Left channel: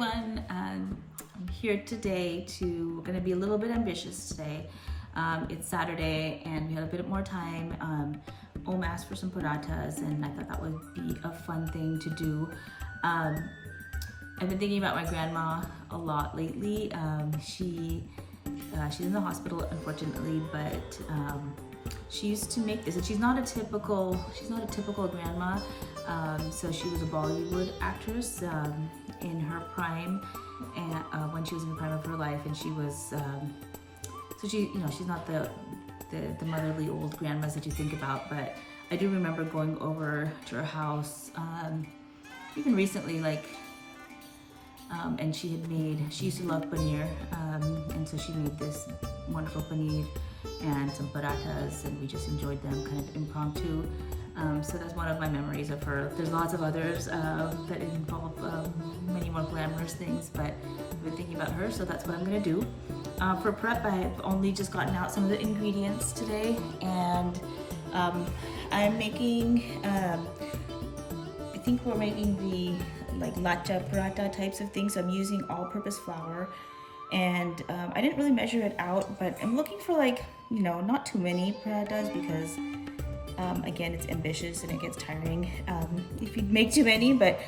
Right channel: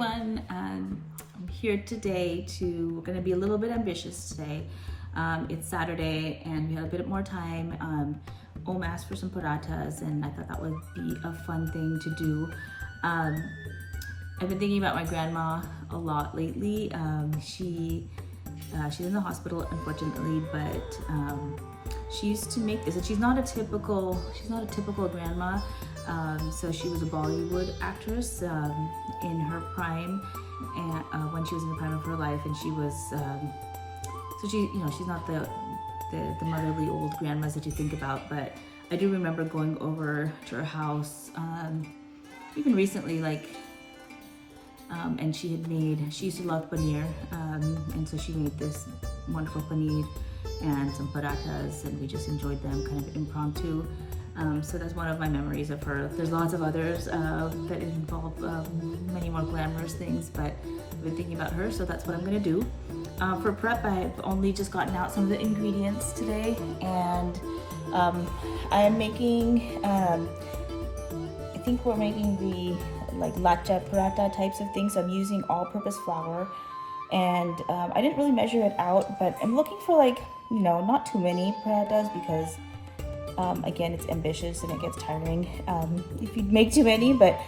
everyone. I'm here today we're gonna be a little bit ambitious today. It's Saturday and we had a bit more time. Om asked for some parathas and I thought that would be a fun thing to do. I've been thinking about my grandma a lot lately. She's in the hospital, unfortunately, but she used to make this, and she's not a typical grandma. So she was a Bollywood actress in her prime, and when she was in the prime of her life, and she was so she's not the motherly old grandmas that you think about, but I do remember going over to her house even recently, and she used to love paneer, and so she made this wonderful paneer and some parathas, and we just enjoyed them kind of impromptu. So that's one of my memories of her. There's lots of others that involve many more glamorous things, but I've been thinking about her, so that's what I'm gonna do. For prep, I've only just gotten out some of the ingredients today, and I am making, I think we're making the latcha paratha types of things. So I'm using all-purpose flour, and I didn't really measure it out, but I'm looking for not too many parathas because again, it's ambitious and it gets tiring if you make too many, but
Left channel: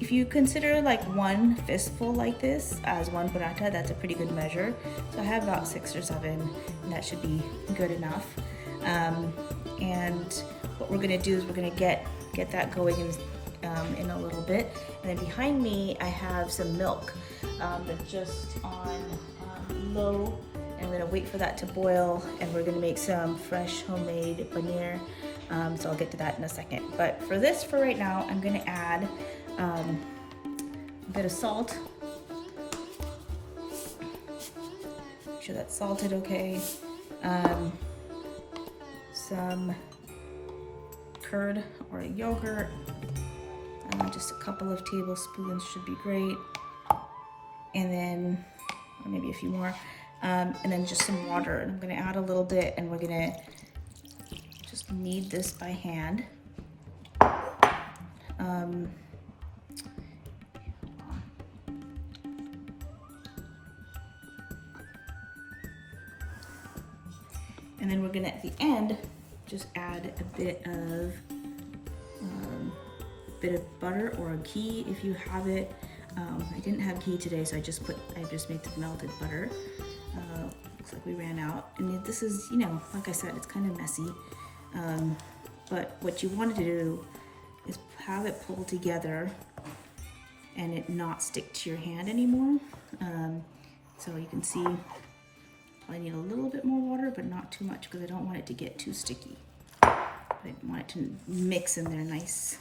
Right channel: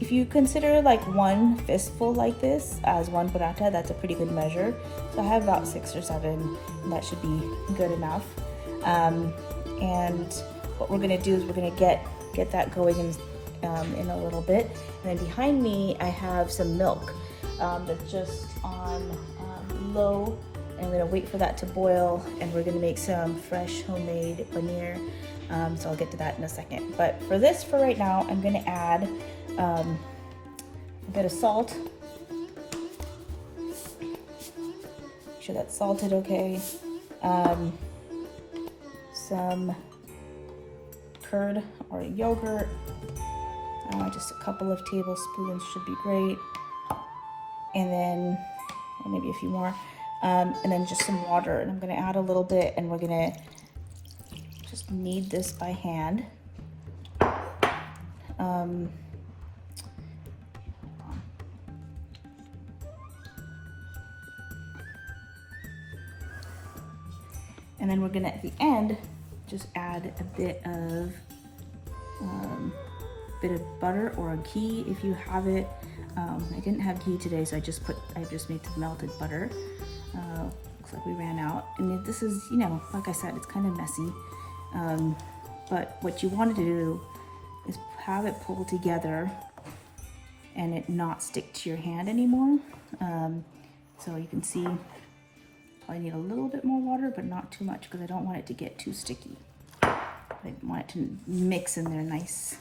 if you consider one fistful like this as one paratha, that's a pretty good measure. So I have about 6 or 7, and that should be good enough. And what we're gonna do is we're gonna get that going in a little bit. And then behind me, I have some milk that's just on low. And we're gonna wait for that to boil, and we're gonna make some fresh homemade paneer. So I'll get to that in a second. But for right now, I'm gonna add a bit of salt. Make sure that's salted okay. Some curd or yogurt. Just a couple of tablespoons should be great. And then, or maybe a few more. And then just some water, and I'm gonna add a little bit, and we're gonna just knead this by hand. And then we're gonna, at the end, just add a bit of butter or a ghee if you have it. I didn't have ghee today, so I just made some melted butter. Looks like we ran out. And this is, like I said, it's kind of messy. But what you want to do is have it pull together and it not stick to your hand anymore. So you can see I need a little bit more water, but not too much because I don't want it to get too sticky. I want it to mix in there nice.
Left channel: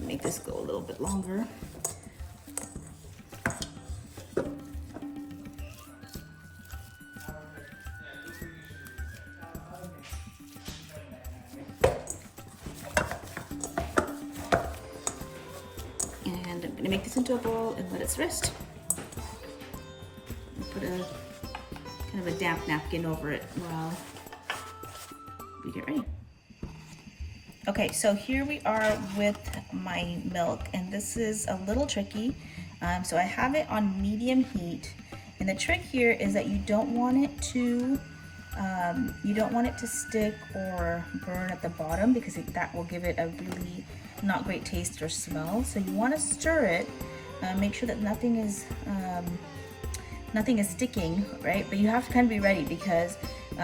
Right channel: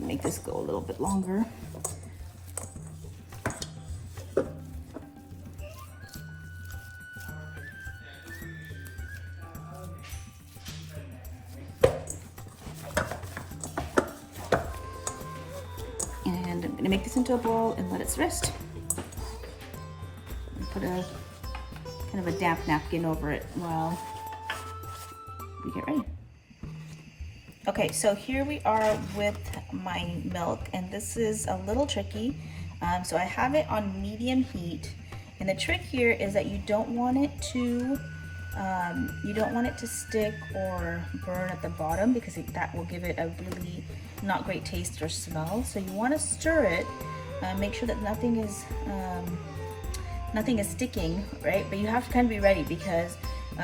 Make this go a little bit longer. And I'm gonna make this into a bowl and let it rest. And put a kind of a damp napkin over it while we get ready. Okay, so here we are with my milk, and this is a little tricky. So I have it on medium heat, and the trick here is that you don't want it to stick or burn at the bottom, because that will give it a really not great taste or smell. So you want to stir it, make sure that nothing is sticking, right? But you have to kind of be ready because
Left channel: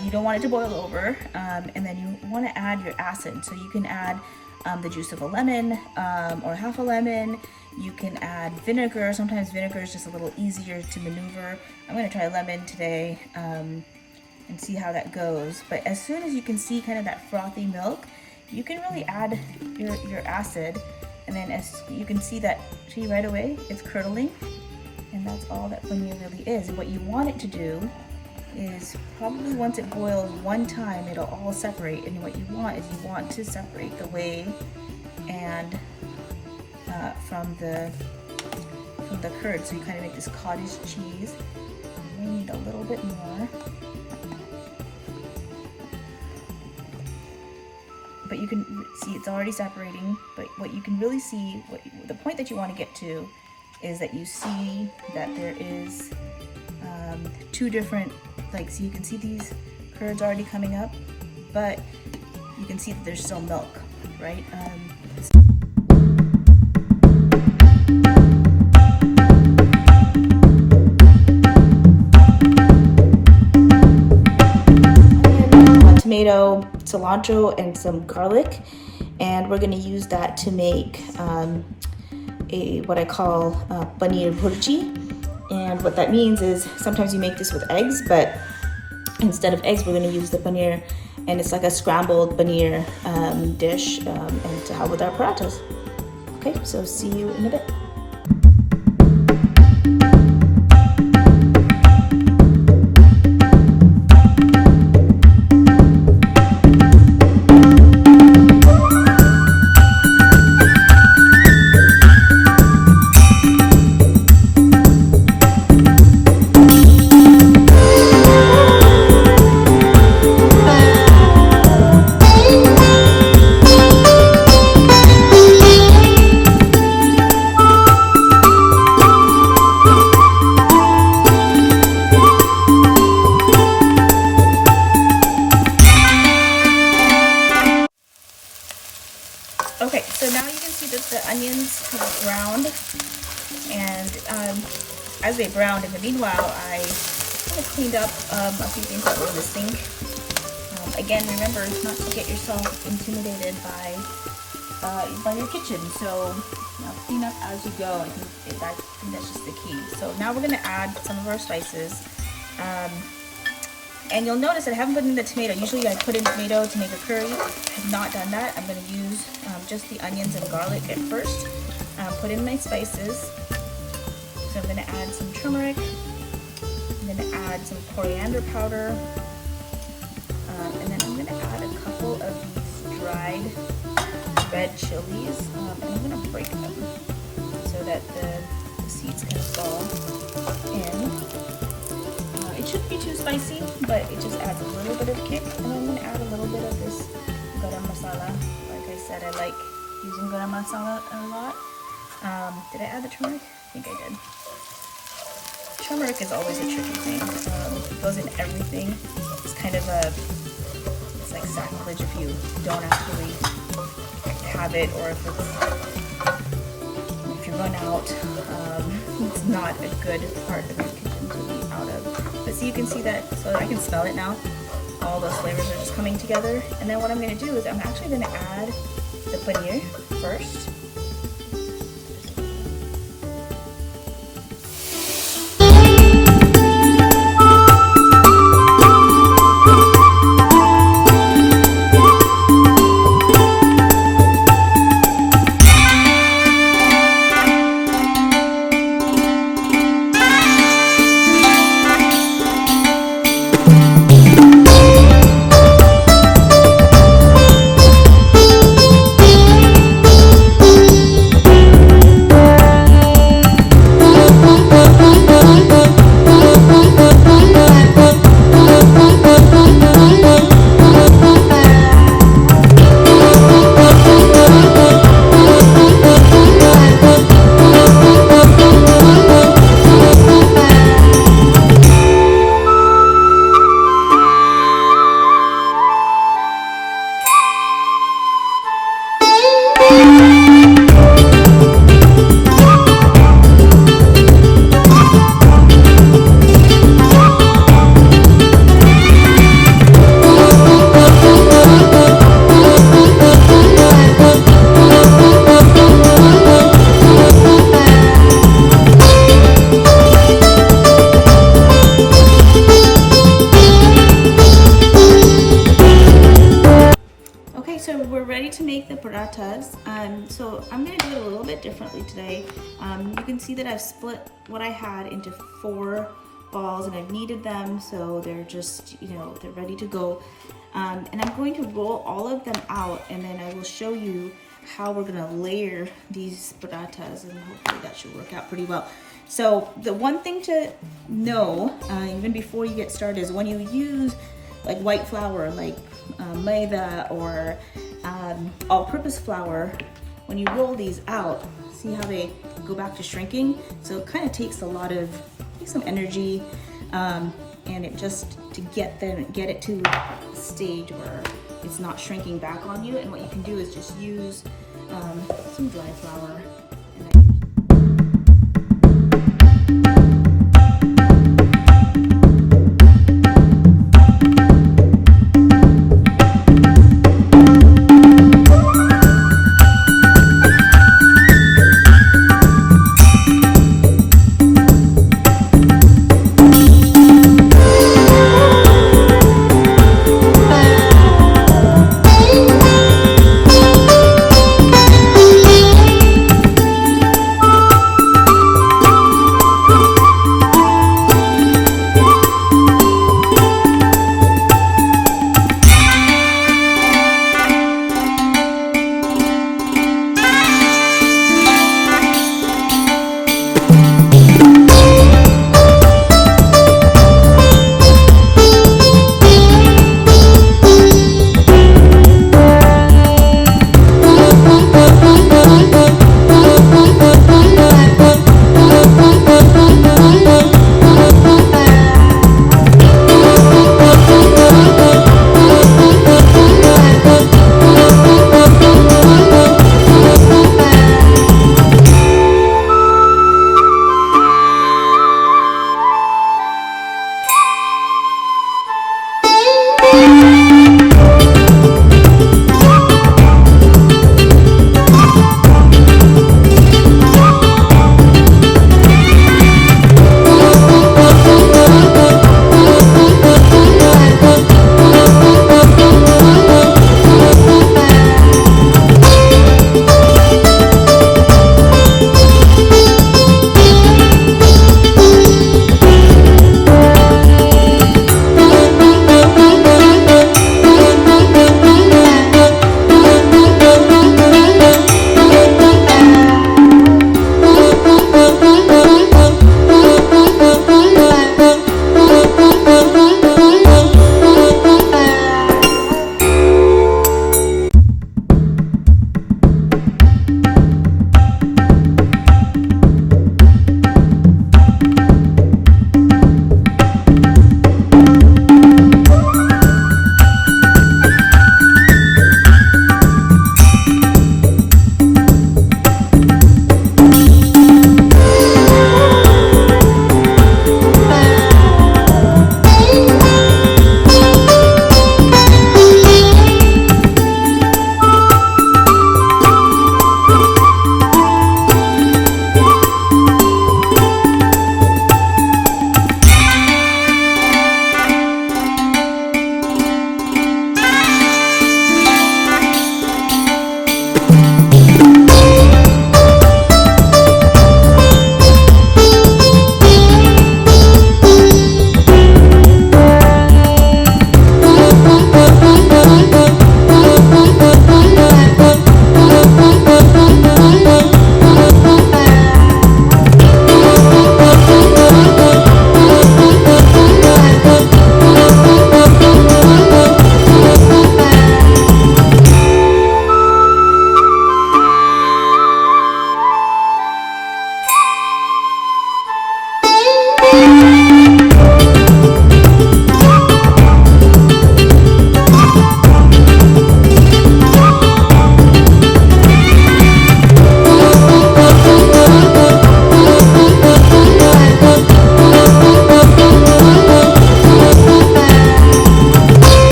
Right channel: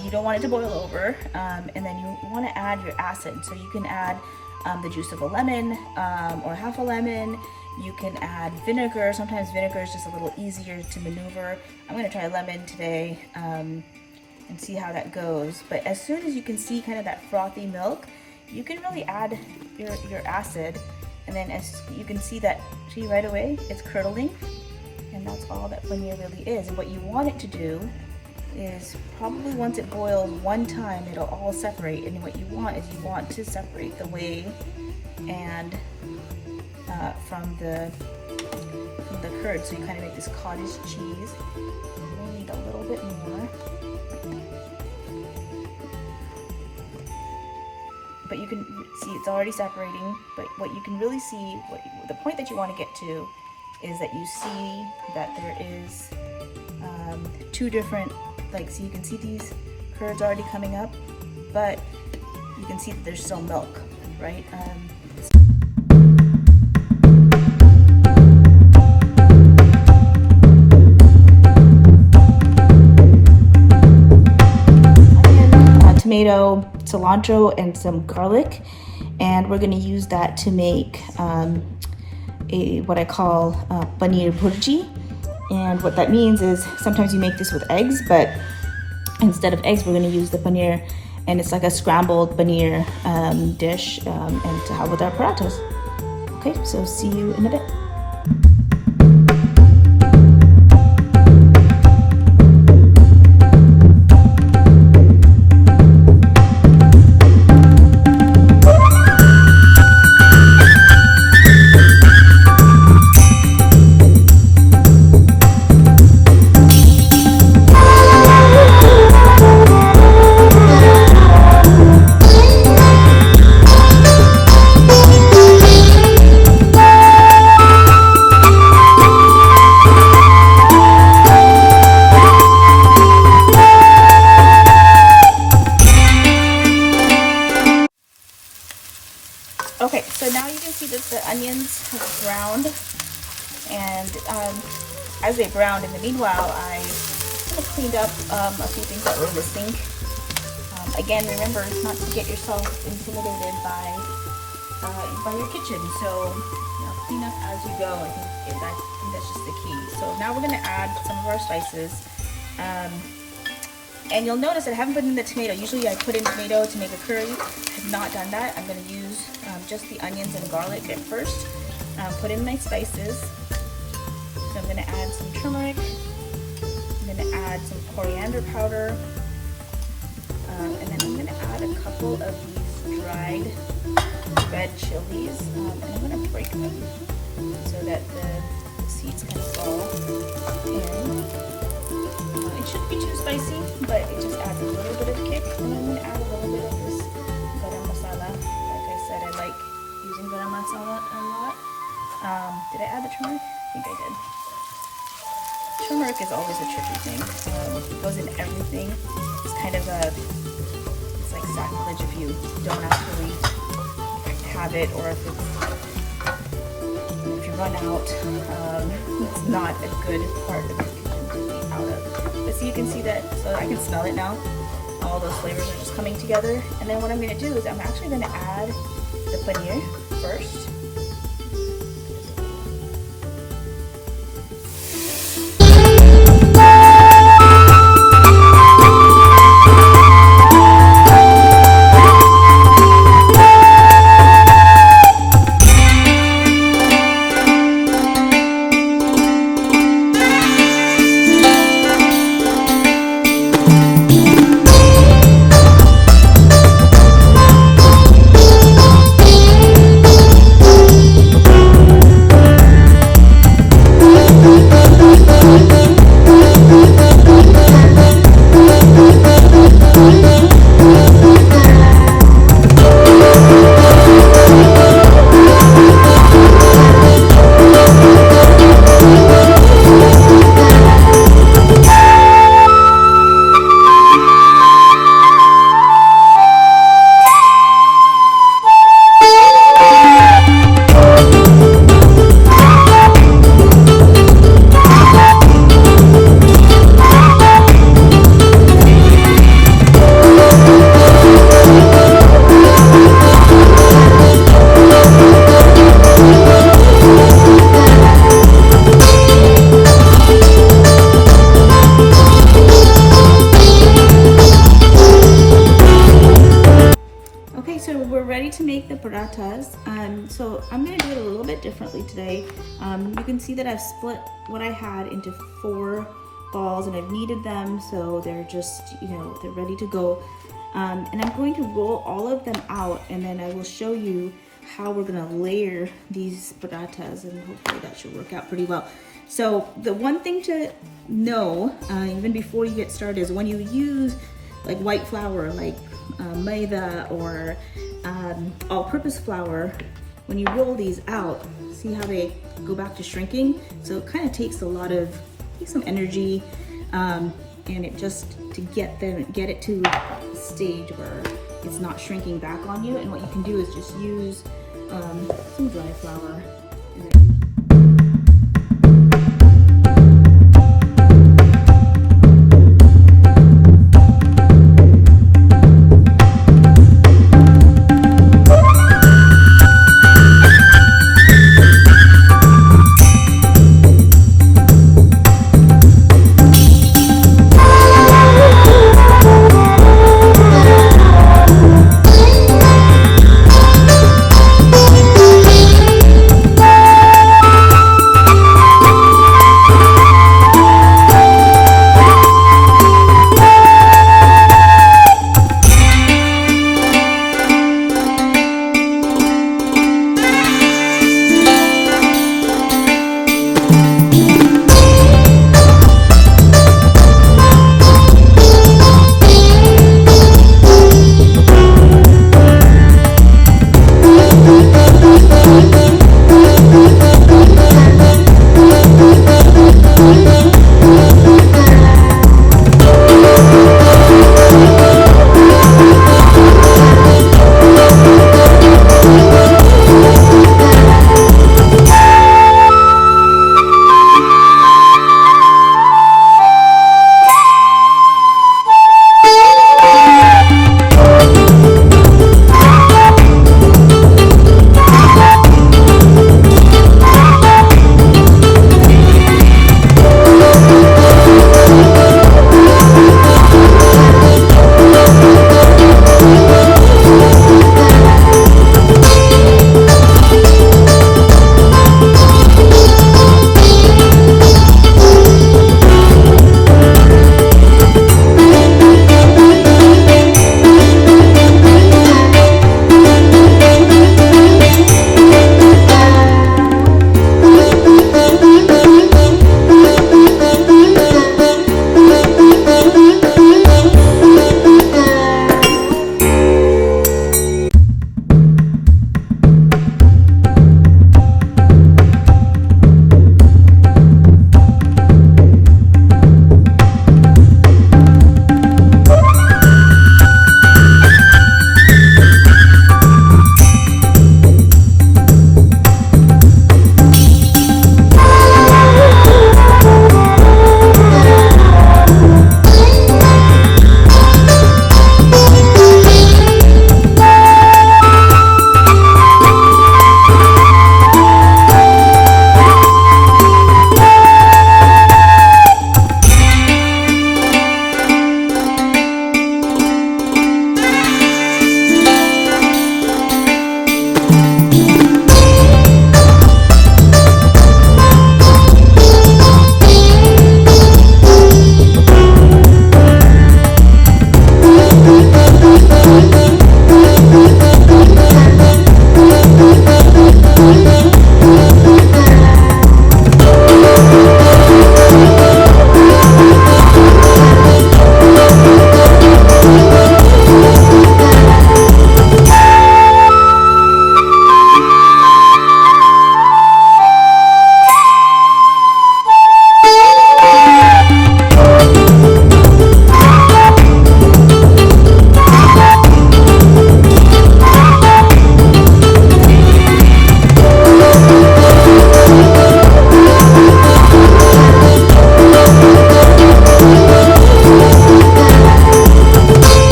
you don't want it to boil over, and then you want to add your acid. So you can add the juice of a lemon or half a lemon. You can add vinegar. Sometimes vinegar is just a little easier to maneuver. I'm going to try lemon today and see how that goes. But as soon as you can see kind of that frothy milk, you can really add your acid, and then as you can see that, see right away, it's curdling, and that's all that paneer really is. And what you want it to do is probably once it boils one time, it'll all separate. And what you want is you want to separate the whey and from the curd, so you kind of make this cottage cheese. You may need a little bit more, but you can see it's already separating. But what you can really see, the point that you want to get to, is that you see that there is two different, like, so you can see these curds already coming up, but you can see that there's still milk, right? Tomato, cilantro, and some garlic, and we're going to use that to make what I call paneer bhurji. And what that means is sometimes you make this with eggs, but instead of eggs, we're going to use the paneer, and it's like a scrambled paneer dish, and to have with our parathas. Okay, so see you in a bit. Okay, so now you can see that the onions have browned, and as they browned, in the meanwhile, I kind of cleaned up a few things that were missing. Again, remember not to get yourself intimidated by your kitchen, so clean up as you go. I think that's just the key. So now we're going to add some of our spices. And you'll notice that I haven't put in the tomato. Usually I put in tomato to make a curry. I have not done that. I'm going to use just the onions and garlic at first. Put in my spices. So I'm going to add some turmeric. I'm going to add some coriander powder. And then I'm going to add a couple of these dried red chilies. And I'm going to break them so that the seeds kind of fall in. It shouldn't be too spicy, but it just adds a little bit of kick. And I'm going to add a little bit of this garam masala. Like I said, I like using garam masala a lot. Did I add the turmeric? I think I did. Turmeric is always a tricky thing. It goes in everything. It's kind of it's like sacrilege if you don't actually have it, or if you run out. It's not a good part of your kitchen to be out of. But see, you can see that, so I can smell it now. All those flavors are just coming together. And then what I'm going to do is I'm actually going to add the paneer first. we're ready to make the parathas. So I'm gonna do it a little bit differently today. You can see that I've split what I had into 4 balls and I've kneaded them so they're just, they're ready to go. And I'm going to roll all of them out, and then I will show you how we're gonna layer these parathas, and hopefully that should work out pretty well. So the one thing to know, even before you get started, is when you use like white flour, like maida or all-purpose flour, when you roll these out, see how they go back to shrinking? So it kind of takes some energy, and it just to get it to a stage where it's not shrinking back on you. And what you can do is just use some dry flour.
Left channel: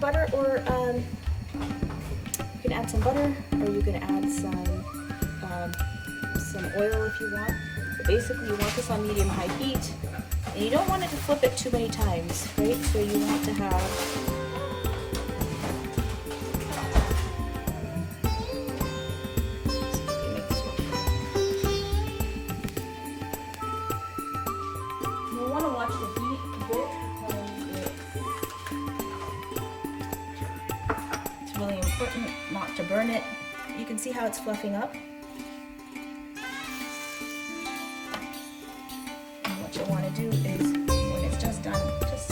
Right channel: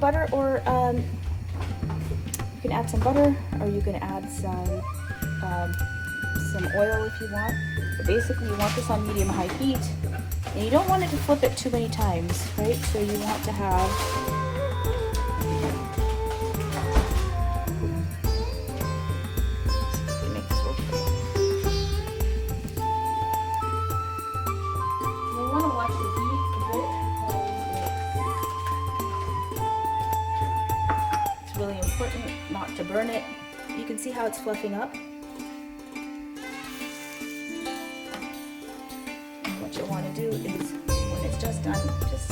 Butter, or you can add some butter, or you can add some oil if you want. But basically, you want this on medium-high heat, and you don't want it to flip it too many times, right? So you want to have really important not to burn it. You can see how it's fluffing up. And what you want to do is, when it's just done, it's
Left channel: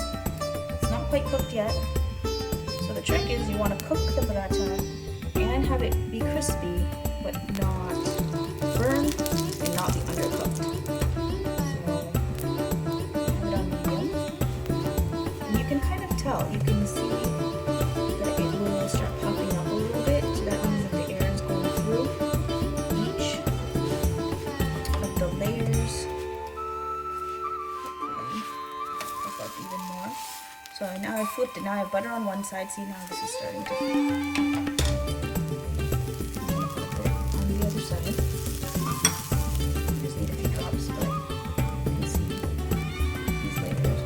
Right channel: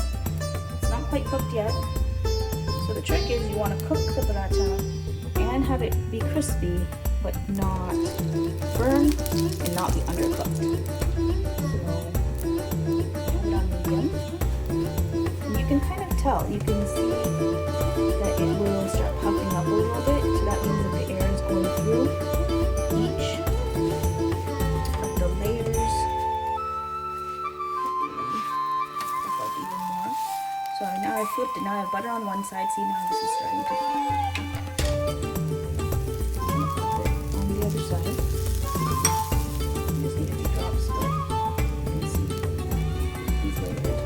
not quite cooked yet. So the trick is you want to cook the paratha and have it be crispy, but not burn and not be undercooked. So have it on medium. And you can kind of tell, you can see that it will start puffing up a little bit, so that means that the air is going through each of the layers. Puff up even more. So now I flipped it, now I have butter on one side, see now this is starting to flip it on the other side. I just need a few drops, but you can see these layers.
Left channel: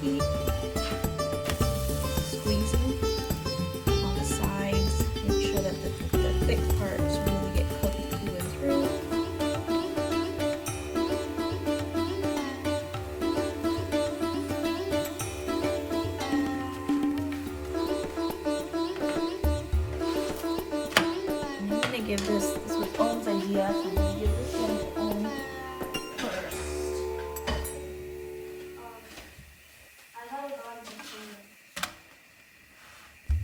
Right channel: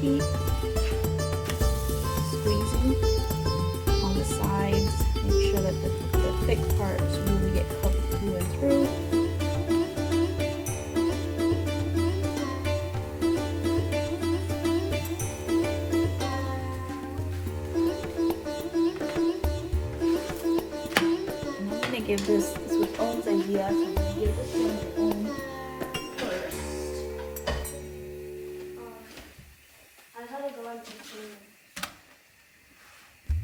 Keep squeezing on the sides, make sure that the thick parts really get cooked through and through. And I'm going to give this was Om's idea, so I'm going to give this one to Om first.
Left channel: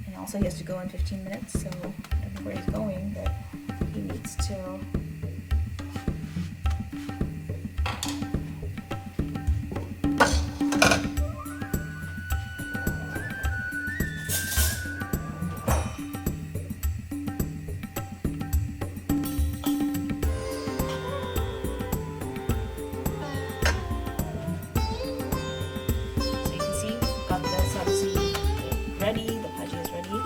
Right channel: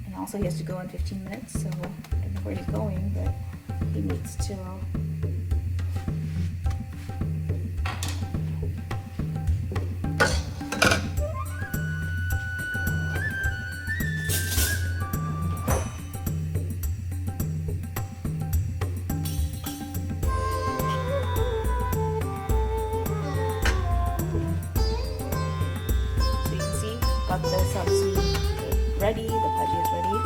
And also he has to go in 15 minutes, so I don't know where he's going, but he needs to got the sabzi ready, the bhaji is ready.